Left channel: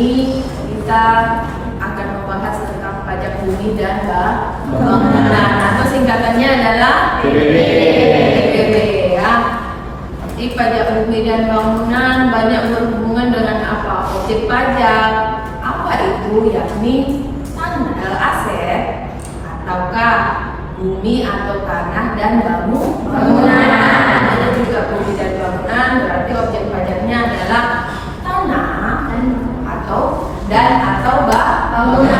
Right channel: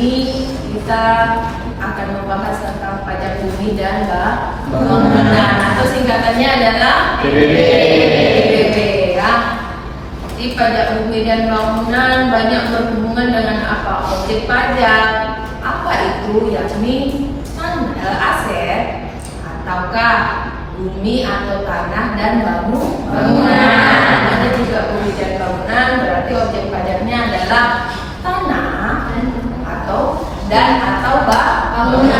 ini kita akan membahas tentang pajak bumi dan bangunan, atau singkatannya adalah PBB ya. Jadi pajak bumi dan bangunan banyak berhubungan dengan apa? Objek pajak. Apa itu? Yakni tanah, aset, ataukah bumi atau tanah dan bangunan. Ada juga bumi dan bangunan, berarti objek pajaknya adalah tanah atau bangunan.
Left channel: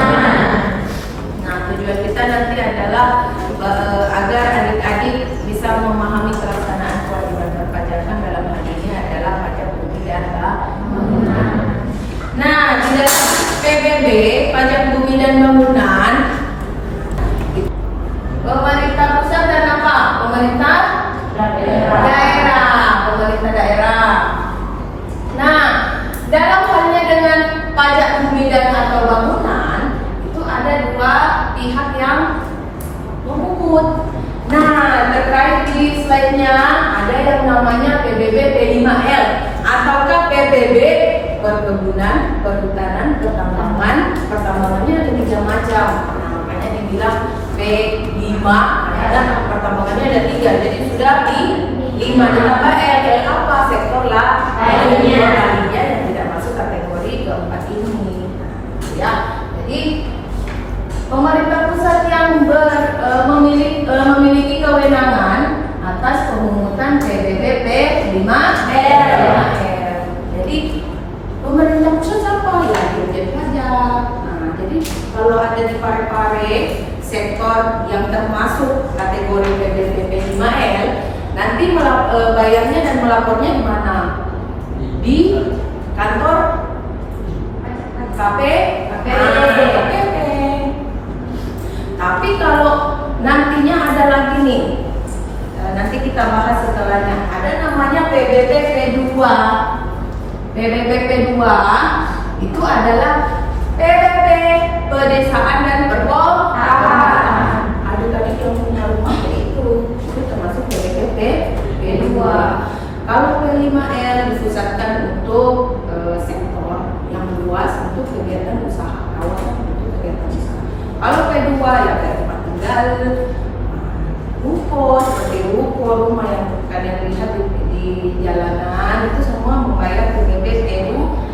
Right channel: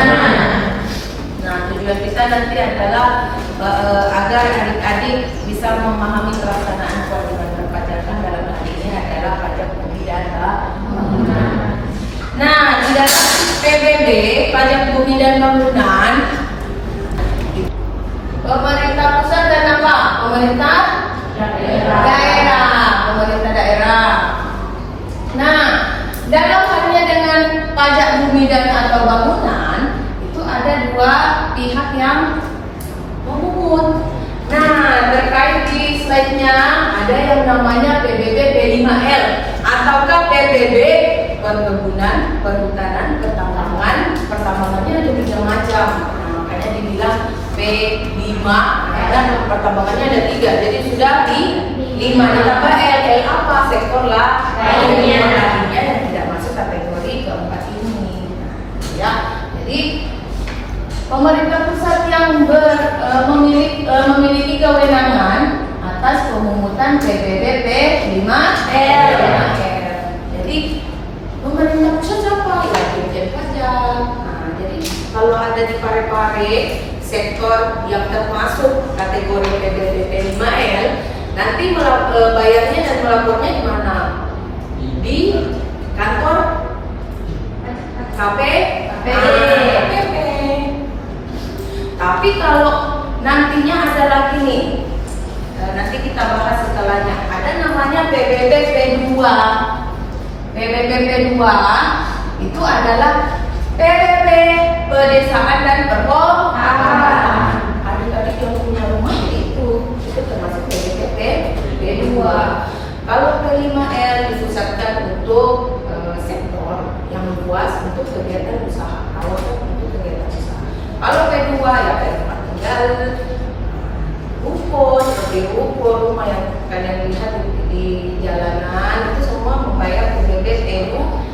Nah, tujuan kita nanti adalah agar adik-adik bisa memahami pelaksanaan kewajiban perpajakan dalam hal ini adalah pajak bumi dan bangunan. Nah, di dalam PBB, pajak bumi dan bangunan, pemerintah pusat dan apa? Pemerintah daerah. Nah, dalam halnya dengan pajak bumi dan atau bangunan itu ada dua pihak yang memungut. Nah, terkait di slide-nya ada yang namanya PBB P5L ataukah PBB perkebunan, perhutanan, pertambangannya ada 3 macam. Nah, makanya dibilang P5, karena pertambangannya ada 3, jadi sudah di 5 ditambah L kayak apa? Sektor lainnya yang tidak masuk kategori keempat ini. Ya, jadi pemerintah pusat yang memiliki kewenangan atas pemungutan PBB P5L. Jadi pemerintah pusat siapa? Ya, Dirjen Pajak. Nah, jadi kalau ada di pare-pare sektor yang termasuk kategori PBB P5L, nanti bayarnya dan melapornya di mana? Di kantor KPP. Tapi kalau nantinya ada lagi nih, nanti kita bahas setelahnya. Ada namanya PBB P2. PBB P2 itu adalah PBB pedesaan dan perkotaan. Adik-adik yang punya rumah ya itu termasuk PBB P2. Kalau P5L dipusatkan untuk sektor yang luas untuk kegiatan usaha, kawasan untuk kegiatan usaha. Kalau P2 ya kayak tempat tinggal, ruko, seperti ruko, rumah yang kalian lihat di jalanan itu semua membayar PBB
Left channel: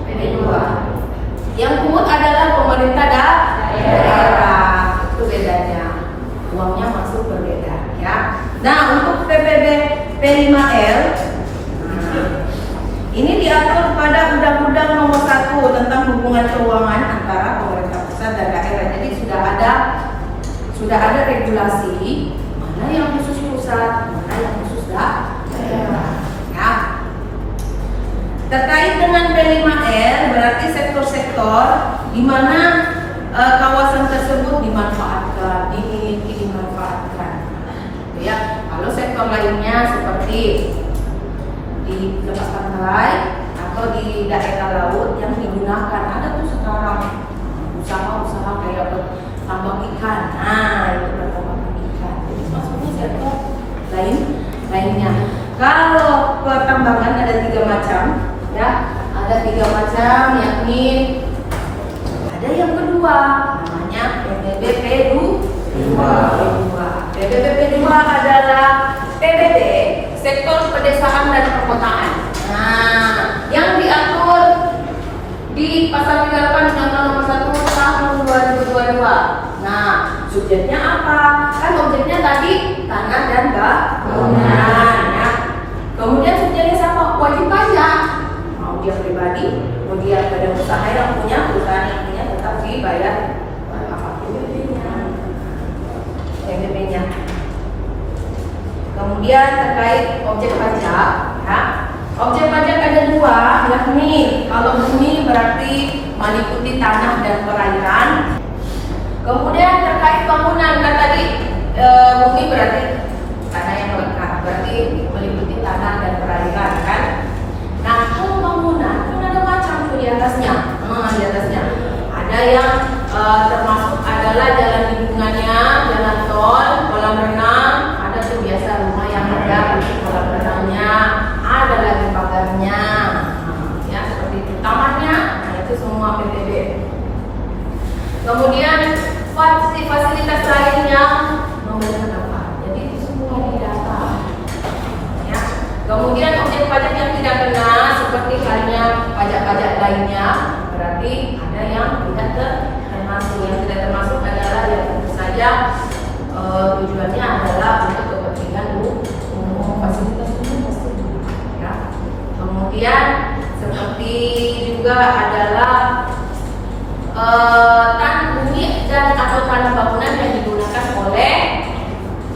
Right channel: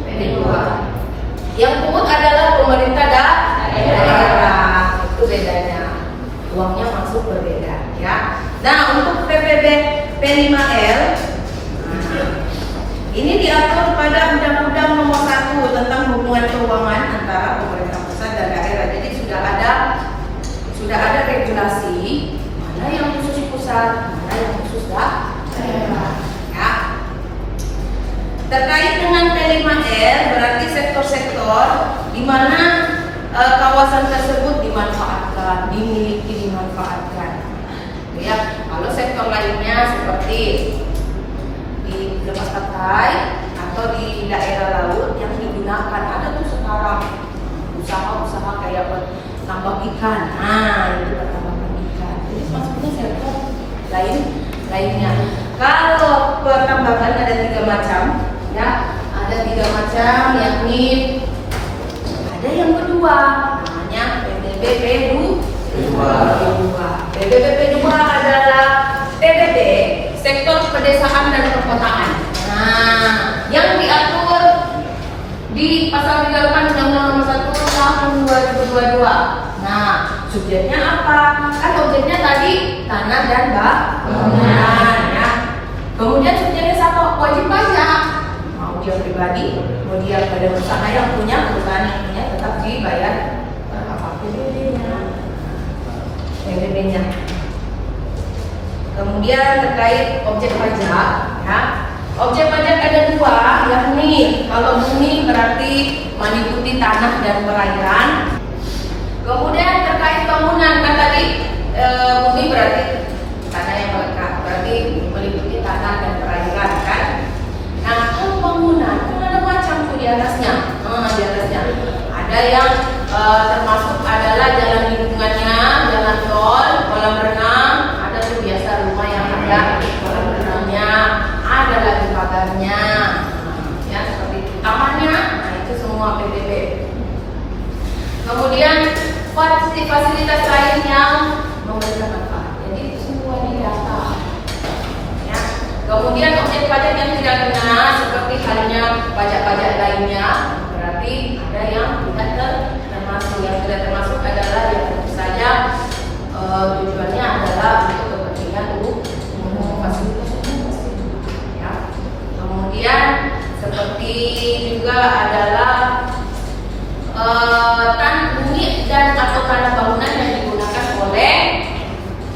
P2. Yang pungut adalah pemerintah daerah. Itu bedanya. Uangnya masuk berbeda ya. Nah, untuk PBB P5L ini diatur pada Undang-Undang Nomor 1 tentang hubungan keuangan antara pemerintah pusat dan daerah. Jadi sudah ada regulasi mana yang khusus pusat, mana yang khusus daerah. Ya. Terkait dengan P5L berarti sektor-sektor di mana kawasan tersebut dimanfaatkan, dimanfaatkan. Ya, kalau sektor lainnya seperti di lepas pantai atau di daerah laut yang digunakan, ada tuh sekarang usaha-usaha kayak tambang ikan. Nah, itu pertambangan ikan. Jadi maksudnya sektor lainnya. Kalau pertambangan ada 3 macam, ya, ada 3 macam, yakni ada yang kedua namanya PBB P2. PBB P2 adalah PBB sektor pedesaan dan perkotaan. Nah, yang diatur di pasal 38 Undang-Undang Nomor 1 Tahun 2022. Nah, subjeknya apa? Kan objeknya tadi tanah dan bangunan. Ya. Kemudian subjeknya siapa? Wajib pajak. Mau dia pribadi, mau dia badan usaha yang punya, perusahaan yang punya, tetap dibayar apa PBB-nya. Kemudian terkait objek pajak, ya. Objek pajak ada 2, yakni kalau bumi berarti meliputi tanah dan perairan. Kemudian terkait bangunan kan tadi bumi berarti tanah yang melekat, berarti meliputi tanah dan perairan kan. Nah, kalau bangunan kan ada macam tuh di atasnya. Di atasnya ada yang termasuk adalah jalan lingkungannya, jalan tol, kolam renang, ada tuh biasa rumah yang ada kolam renangnya, ada lagi pagarnya, ya seperti itu. Tamannya, nah itu semua semua PBB. Kemudian fasilitas lain yang memberikan manfaat. Jadi itu semua didata. Ya. Kemudian objek pajak yang tidak kena seperti halnya pajak-pajak lainnya, berarti ada yang tidak termasuk. Yang tidak termasuk adalah yang tentu saja tujuannya adalah untuk kepentingan umum, fasilitas umum. Ya. Kemudian seperti juga adalah unit dan atau tanah bangunan yang digunakan oleh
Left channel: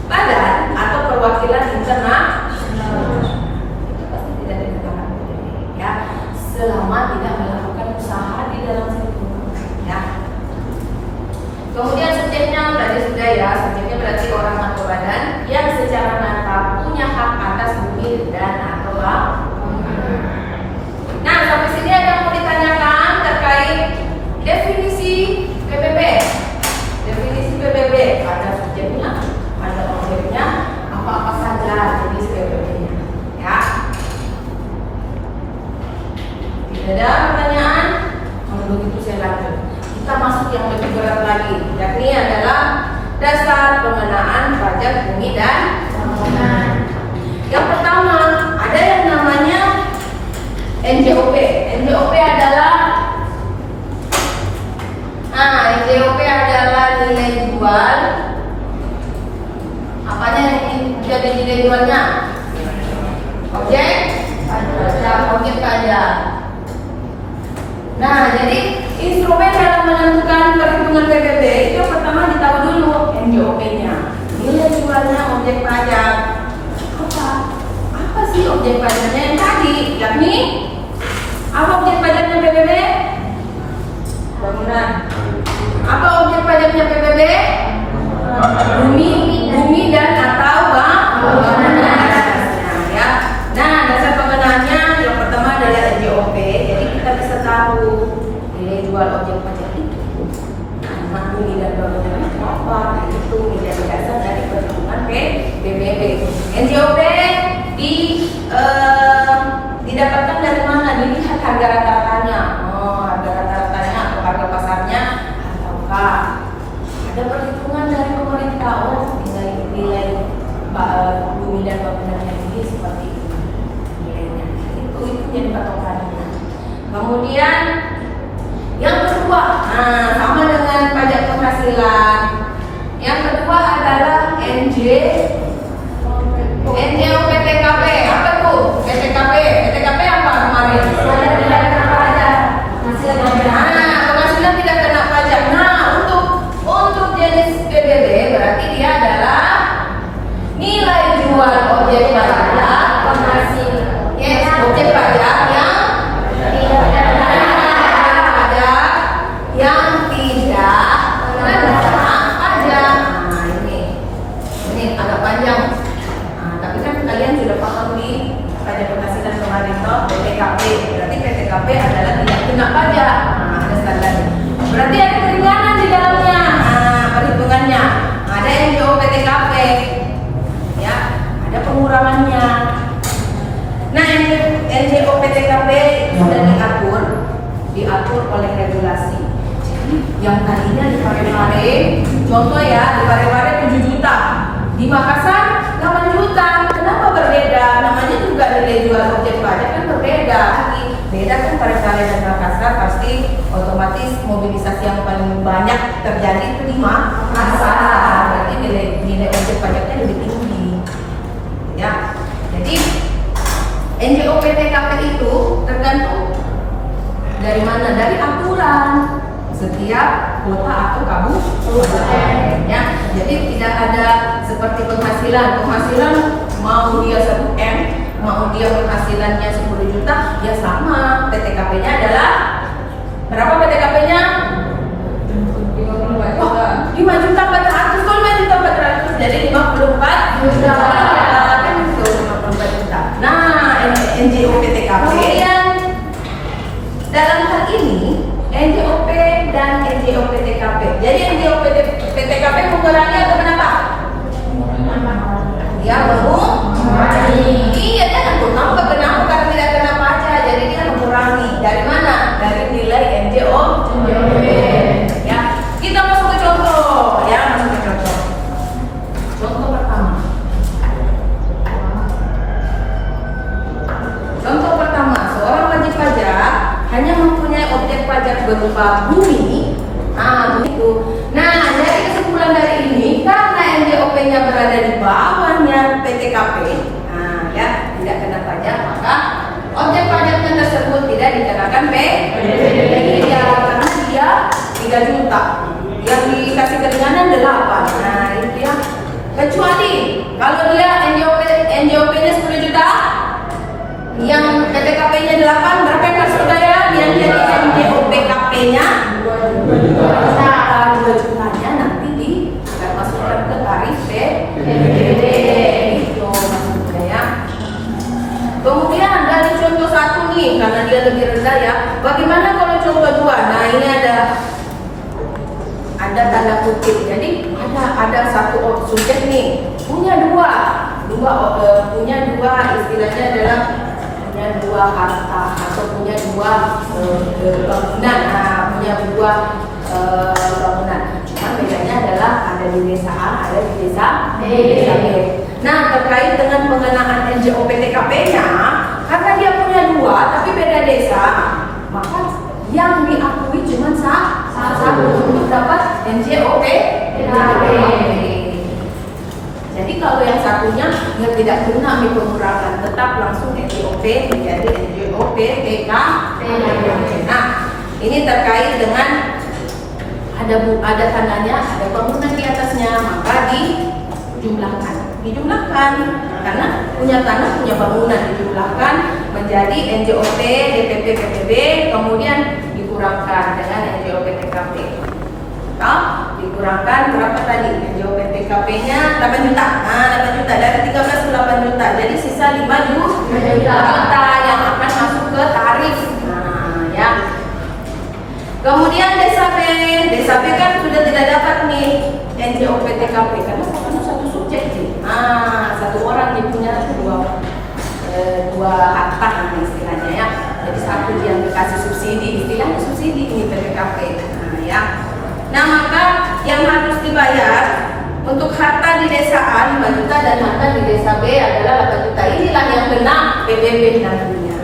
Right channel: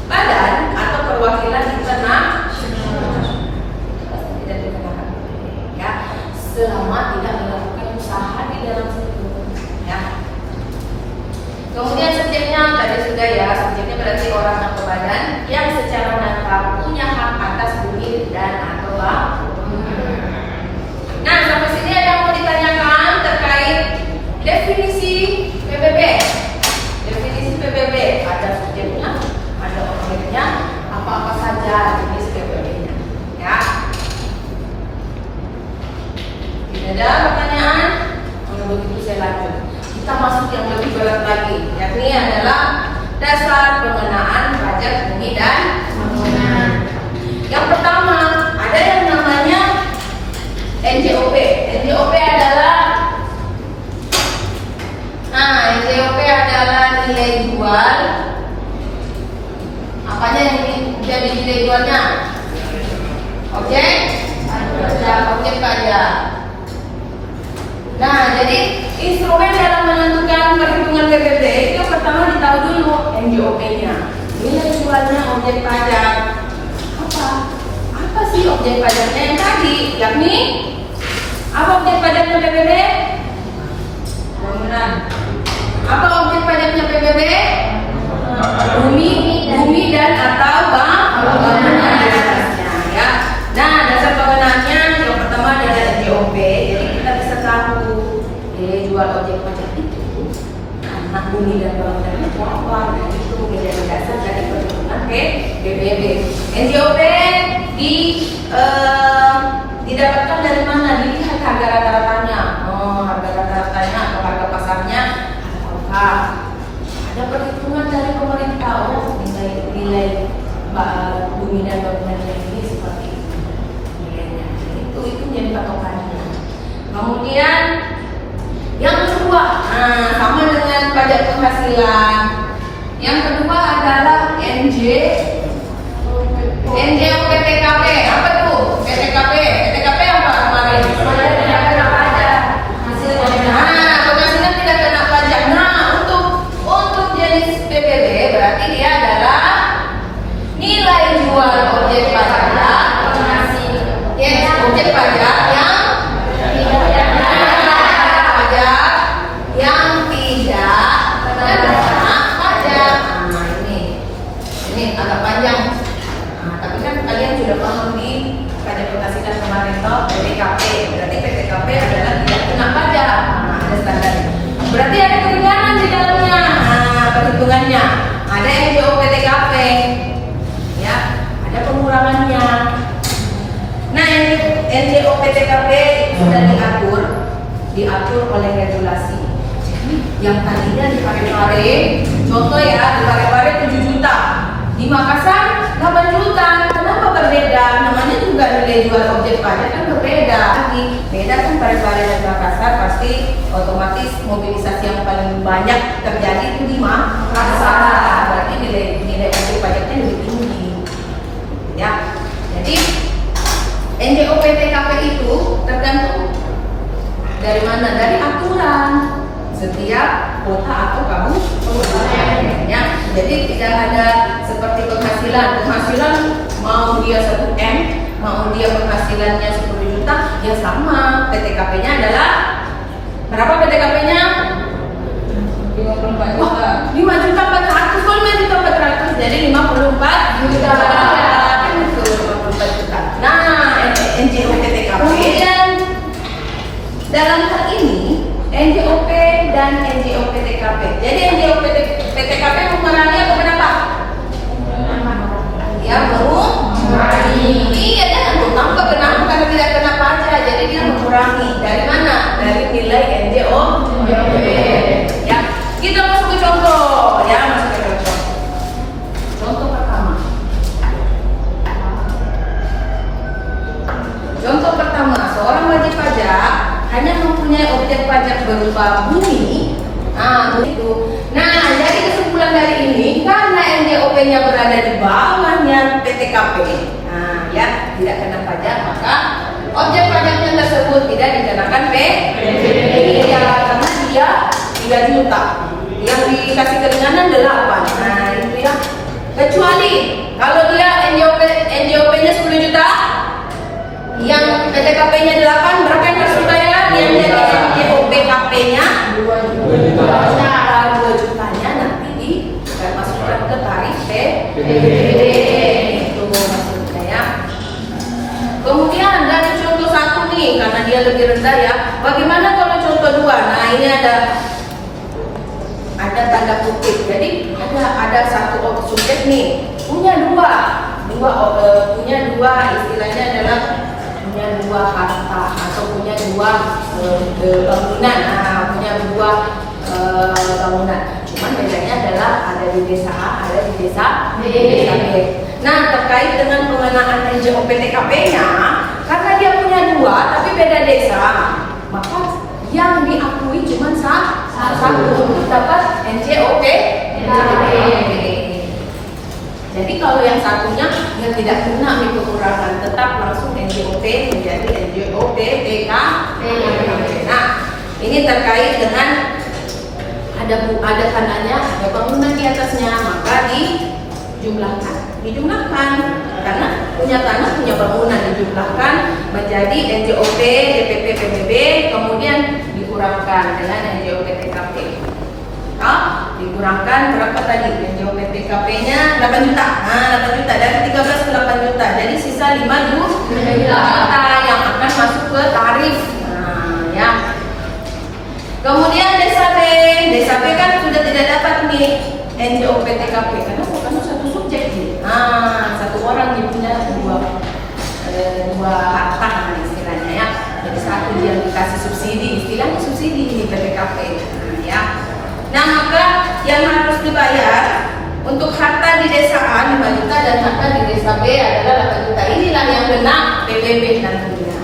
badan atau perwakilan internasional tidak dikenakan ya, selama tidak melakukan usaha di dalam situ ya. Kemudian subjeknya tadi sudah ya, subjeknya berarti orang atau badan yang secara nyata punya hak atas bumi dan atau bangunan. Nah, sampai sini ada yang mau ditanyakan terkait definisi PBB. Definisi PBB ada subjeknya, ada objeknya, apa-apa saja jenis PBB-nya. Ya. Tidak ada pertanyaan? Kalau begitu saya lanjut. Kita masuk yang lebih berat lagi, yakni adalah dasar pengenaan pajak bumi dan bangunan. Yang pertama ada yang namanya NJOP. NJOP adalah NJOP adalah nilai jual. Apanya yang jadi nilai jualnya? Objek pajak. Nah, jadi instrumen dalam menentukan perhitungan PBB itu pertama ditahu dulu NJOP-nya. Nilai jualnya objek pajak. Apa sih objek pajaknya yang tadi? Yakni apa objek pajaknya PBB? Bangunan. Apa objek pajaknya PBB? Bumi dan atau bangunan ya. Nah, dasar pengenaannya yang pertama adalah NJOP. Jadi kita bisa tahu nilai jual objek pajak itu anak bumi dan bangunan itu apa. Nah, itu menjadi dasar dari perhitungan PBB. NJOP didapatkan dari mana? Dilihat harga rata-ratanya. Harga rata-ratanya atau harga pasarnya ataukah ada perhitungan dari pemerintah nilai bumi dan bangunannya ini seperti itu nilainya. Itu jadi patokannya. Kemudian yang kedua, sama dengan pajak penghasilan. Yang kedua adalah NJOP PTKP. Apa tuh? PTKP apa kemarin? Pajak tidak kena pajak. Penghasilan tidak kena pajak. Nah, untuk jenis PBB berarti dia adalah nilai jual objek pajak penghasil. Yes, objek pajak yang tidak kena pajak, yang tidak kena pajak. Nah, ini agak panjang. Tapi kan kalian sudah paham di pajak penghasilan kemarin toh, PTKP. Berarti PTKP adalah tidak kena pajak. Ada standarnya. Berarti ada keringanan di dalamnya. Perhitungannya ada NJOP PTKP. Ya, ada pengurangannya. Nah, NJOP PTKP sudah diatur oleh regulasi. Jadi yang tadinya di Parepare, contoh ya, di Parepare 7 juta, di Makassar 8 juta. Kenapa berbeda? Namanya juga nilai jual objek pajak kan berbeda. Beda kan Parepare dan Makassar, pasti otomatis mobilisasi yang paling banyak terjadi itu di Makassar. Berarti nilai objek pajaknya lebih tinggi. Ya. Jadi NJOP PTKP itu tergantung dari mana? Dari aturan setiap kota atau kabupaten. Ya. Jadi tidak ada seperti penghasilan mau dia 1 M, mau dia penghasilannya 10 juta, ya sama. PTKP-nya adalah berapa PTKP-nya? 54 juta. 5 juta 400, 5 juta 400, jadi 54 juta. Kan itu 54 juta. Nah, NJOP PTKP. Kemudian dalam hal ini NJOP dan NJOP PTKP. Jadi NJOP PTKP mengurangi apa kenapa? Ya mengurangi. Iya, dia menambah kenapa? Karena tidak kena pajak. Jadi dia mengurangi. Dari mana? Dari nilai NJOP. Ya, kita masuk ke contoh. Ya, masuk ke contoh. Contoh pertama. Contoh pertama, seorang wajib pajak hanya mempunyai objek pajak berupa bumi. Nah, begitu. Nah, dari kesimpulan dari ini, karena NJOP-nya berada di bawahnya PTKP, nah ya tidak kena pajak, maka objek pajaknya tersebut tidak dikenakan PTKP. Ya, karena dia 3 juta, yang dikasih keringanan 8. Nah, itu ya. Kecuali kalau dia NJOP-nya 10 juta, yang PTKP-nya 8, berapa yang harus dibayar? Yang jadi NJOP-KP-nya 2 jutanya nanti dimasukkan ke tarif PPD. Itu maksudnya ya. Kemudian dari contoh 1 nih, karena dia lebih rendah ya. Bagaimana kalau contoh 2? Nah, ini ada tanda kutip. Jadi ada satu subjek nih punya punya dua istilahnya adalah punya 2 harta atau punya 2 bangunan. Nah, punya 2 bangunan. Cuman bedanya adalah ada di desa A, ada di desa B. Nah, terkait dengan pengenaan NJOP TKP-nya, karena dia punya 2 tapi beda desa, maka yang diakui cuma satu untuk dapat NJOP TKP. Jadi kalau yang satunya dia tidak kena pengurangan, tetap langsung NJOP menjadi NJOP TKP. Nah, ini terkait dengan ada tandanya, ada bangunan di atasnya, maka dijumlahkan karena punya tanah, punya bangunan, dijumlahkan menjadi NJOP DPP PBB, kemudian dikurangkan dengan NJOP TKP. Dikurangkan berapa tadi? NJOP TKP-nya 8 juta. Nah, 8 juta dari 13 ke 8 juta. Jadi sisa 5 juta yang akan masuk ke tarif. Nah, ya. Kemudian desa B kan sudah tidak dapat nih NJOP TKP karena satu subjek nih. Nah, satu orang dia punya dua harta istilahnya ya. Jadi satu dia dikasih subsidi, istilahnya subsidi ini PPKP. Nah, ya. Nah, maka yang harus dibayar untuk harta di desa A 5 juta dan harta di desa B adalah 8 juta. Inilah yang kena PPB nantinya.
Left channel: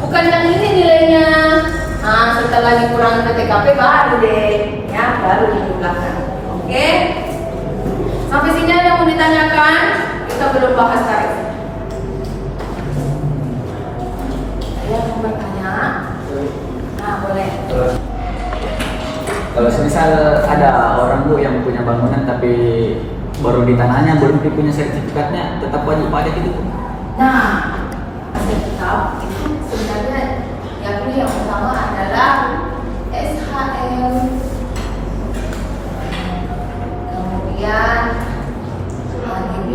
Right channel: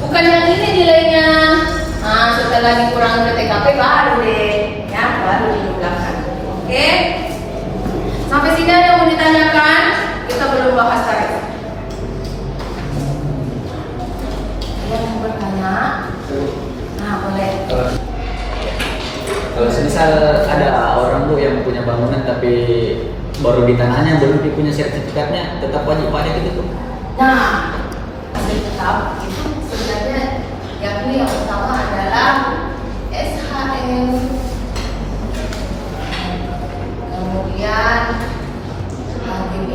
Bukan yang ini nilainya. Nah, setelah dikurangi ke TKP baru deh, ya, baru dijumlahkan. Oke? Sampai sini ada yang mau ditanyakan? Kita belum bahas tarif. Yang mau bertanya? Nah, boleh. Kalau semisal ada orang Bu yang punya bangunan tapi baru di tanahnya belum punya sertifikatnya, tetap wajib pajak itu Bu? Nah, tetap itu sebenarnya yang pertama adalah SHM, kemudian HGB.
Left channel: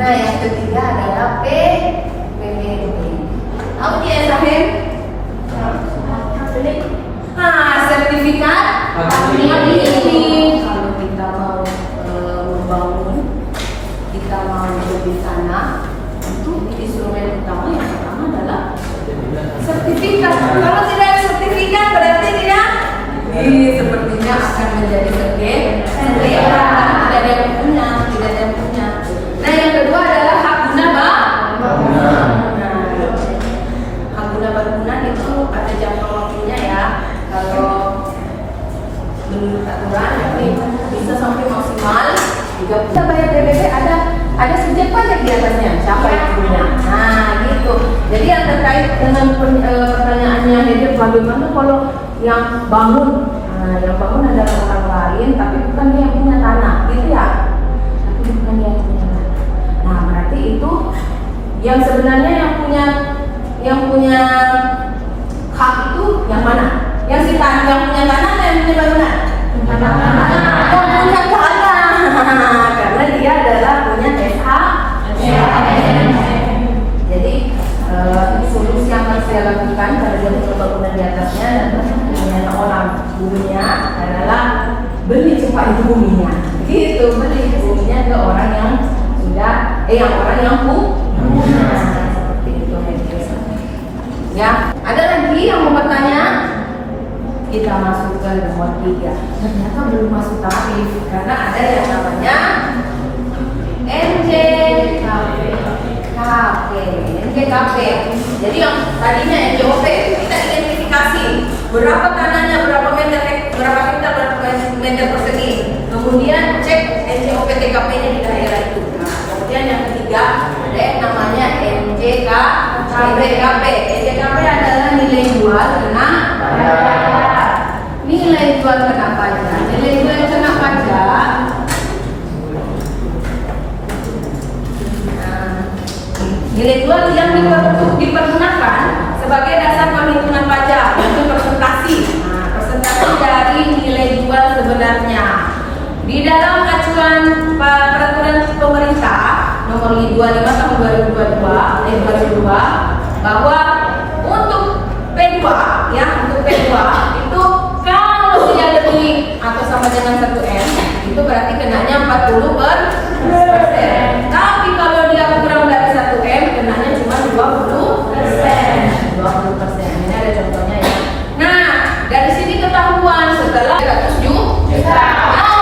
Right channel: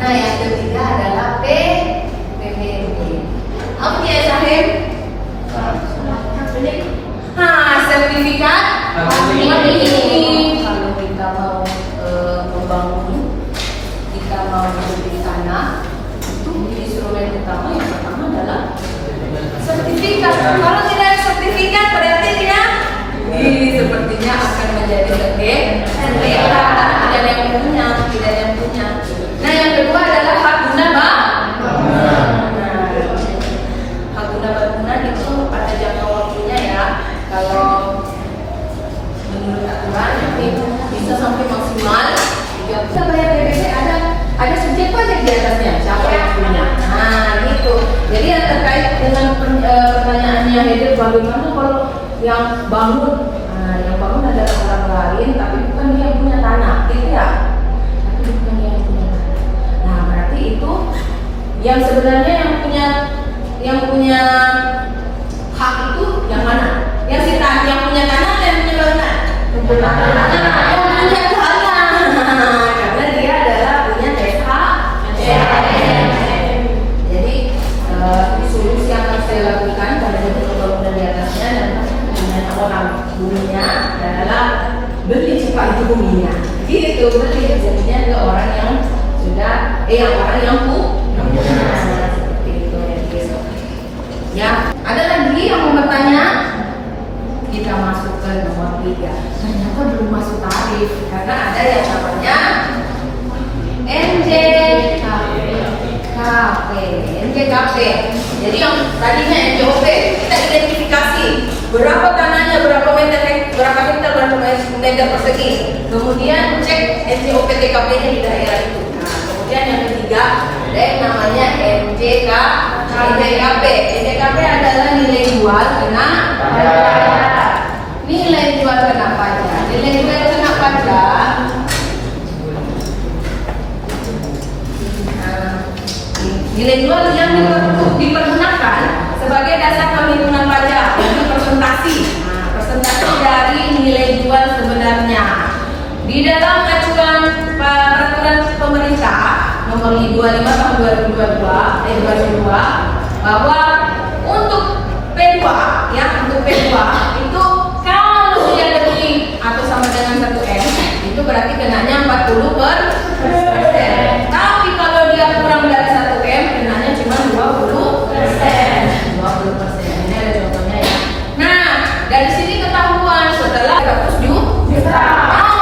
Nah, yang ketiga adalah PPB. Apa dia SHM? Sertifikat ini kalau kita mau membangun, kita mau beli tanah, itu instrumen utama yang pertama adalah sertifikat. Kalau tidak ada sertifikat berarti dia sepertinya akan menjadi sengketa karena tidak ada yang punya. Nah, yang kedua adalah hak guna bangunan. Hak guna bangunan itu ada jangka waktunya ya. Kalau menurut aturan ini bisa sampai maksimal 3 kita bayar PPB ada subjek pajak di atasnya, siapa yang punya. Nah, gitu. Jadi yang terkait dengan pertanyaannya itu bagaimana kalau yang bangun, yang bangun adalah orang lain tapi bukan dia yang punya tanah, gitu ya. Tapi bukan dia yang punya tanah. Nah, berarti itu yang sebenarnya yang punya hak itu yang mana? Yang punya tanah atau yang punya bangunan? Yang punya tanah. Karena dia adalah punya SHM. Jadi solusi yang harus dia lakukan karena dia punya bangunan di atasnya dan punya orang buminya adalah beli cepat itu buminya. Gitu, beli buminya ke orang yang sudah orang yang punya. Seperti itu ya. Ya, ada lagi yang mau bertanya? kita masuk ke nomor 3. Ternyata belum masuk tarif karena ada yang namanya NJKP. Jadi yang tadinya NJOP kita identifikasi berapa tanahnya, berapa meter hektar, berapa meter persegi. Kemudian cek NJOP TKP-nya di daerah itu. Nah, kemudian yang ketiga ada yang namanya NJKP. NJKP adalah nilai jual kena pajak. Nilai jual kena pajak. Nilai jual kena pajak. Nilai jual yang dipergunakan sebagai dasar perhitungan pajak, yaitu persentase. Nah, persentase dari nilai jual sebenarnya. Di dalam acuan peraturan pemerintah nomor 25 tahun 2022 bahwa untuk P2 ya, untuk P2 itu kalau dia lebih atau sama dengan 1M itu berarti kenanya 40%. Tapi kalau dia kurang dari 1M kenanya cuma 20%. 20%. Ini ada contohnya ya. Nah, dari sini ketahuan setelah 100 juta.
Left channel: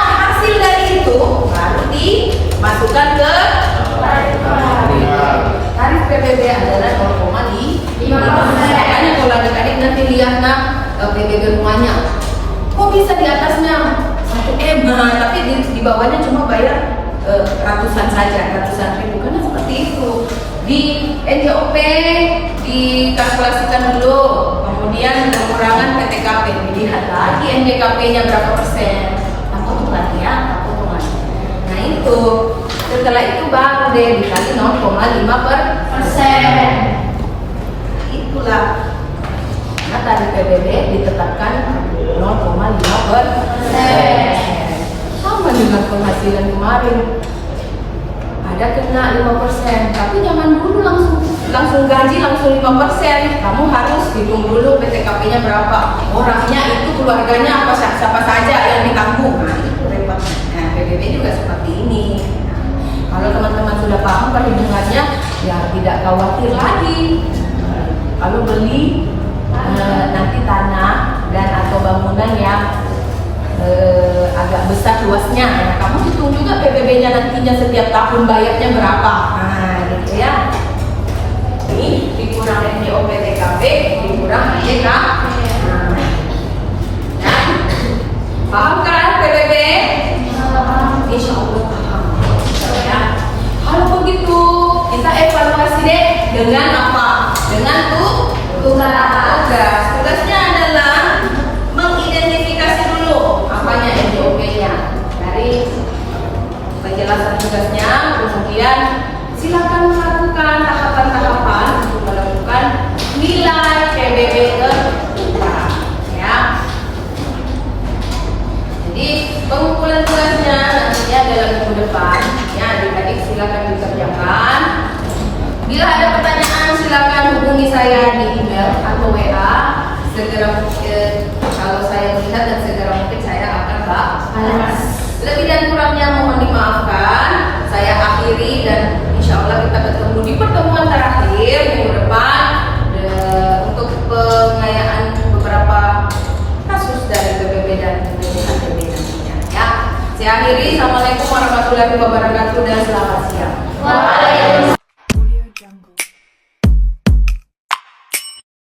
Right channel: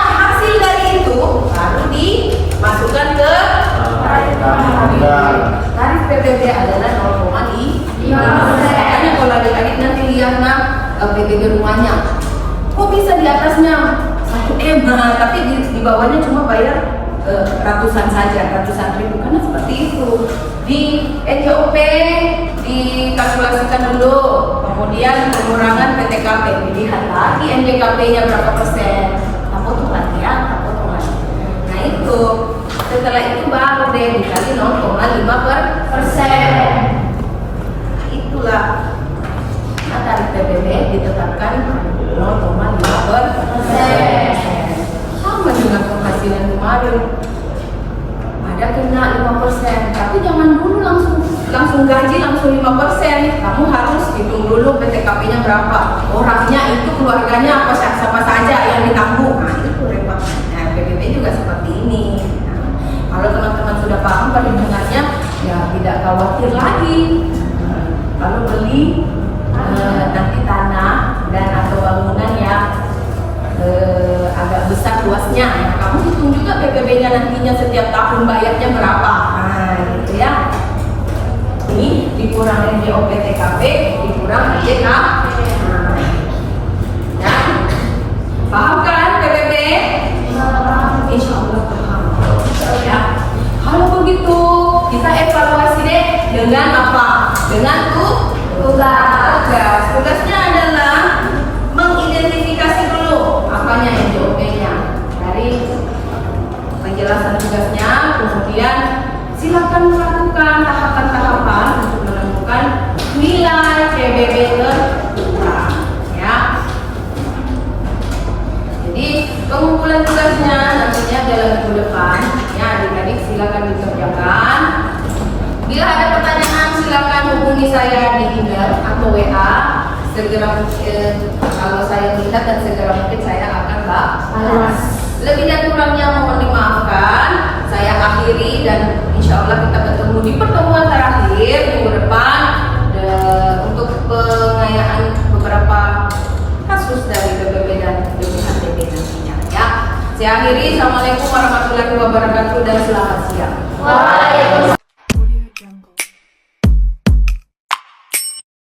Hasil dari itu baru dimasukkan ke tarif PBB adalah 0,5%. Kalau adik-adik nanti lihat PBB rumahnya, kok bisa di atasnya 1M, tapi di bawahnya cuma bayar ratusan ribu, karena seperti itu. Di NJOP dikalkulasikan dulu, kemudian pengurangan PTKP, dilihat lagi NJKP-nya berapa persen, tak potong lagi ya, tak potong lagi. Nah itu, setelah itu baru deh dikali 0,5%. Itulah. Nah, tarif PBB ditetapkan 0,5%. Sama dengan penghasilan kemarin. Ada kena 5%, tapi jangan dulu langsung gaji langsung 5%. Kamu harus hitung dulu PTKP-nya berapa, orangnya itu keluarganya siapa saja yang ditanggung. Nah, itu repot. Nah, PBB juga seperti ini. Nah, kalau teman-teman sudah paham perhitungannya, ya tidak khawatir lagi. Kalau beli nanti tanah dan atau bangunan yang agak besar luasnya, ya, kamu hitung juga PBB-nya nantinya setiap tahun bayarnya berapa. Nah, gitu ya. Ini dikurang NJOP TKP, dikurang NJKP. Nah, paham kan PBB? Insya Allah paham. Ya. Kalau begitu, kita evaluasi deh dengan apa? Dengan tugas. Tugasnya adalah mengidentifikasi dulu apanya NJOP-nya. Dari penjelasan tugasnya, kemudian silakan melakukan tahapan-tahapan untuk menemukan nilai PBB kita. Ya. Jadi pengumpulan tugasnya nantinya dalam minggu depan. Ya, adik-adik silakan dikerjakan. Bila ada pertanyaan silakan hubungi saya di email atau WA. Segera kalau saya melihat dan segera mungkin saya akan balas. Lebih dan kurangnya mohon dimaafkan. Saya akhiri dan insya Allah kita bertemu di pertemuan terakhir minggu depan untuk pengayaan beberapa kasus dari PBB dan BPHTB nantinya. Ya, saya akhiri. Assalamualaikum warahmatullahi wabarakatuh dan selamat siang.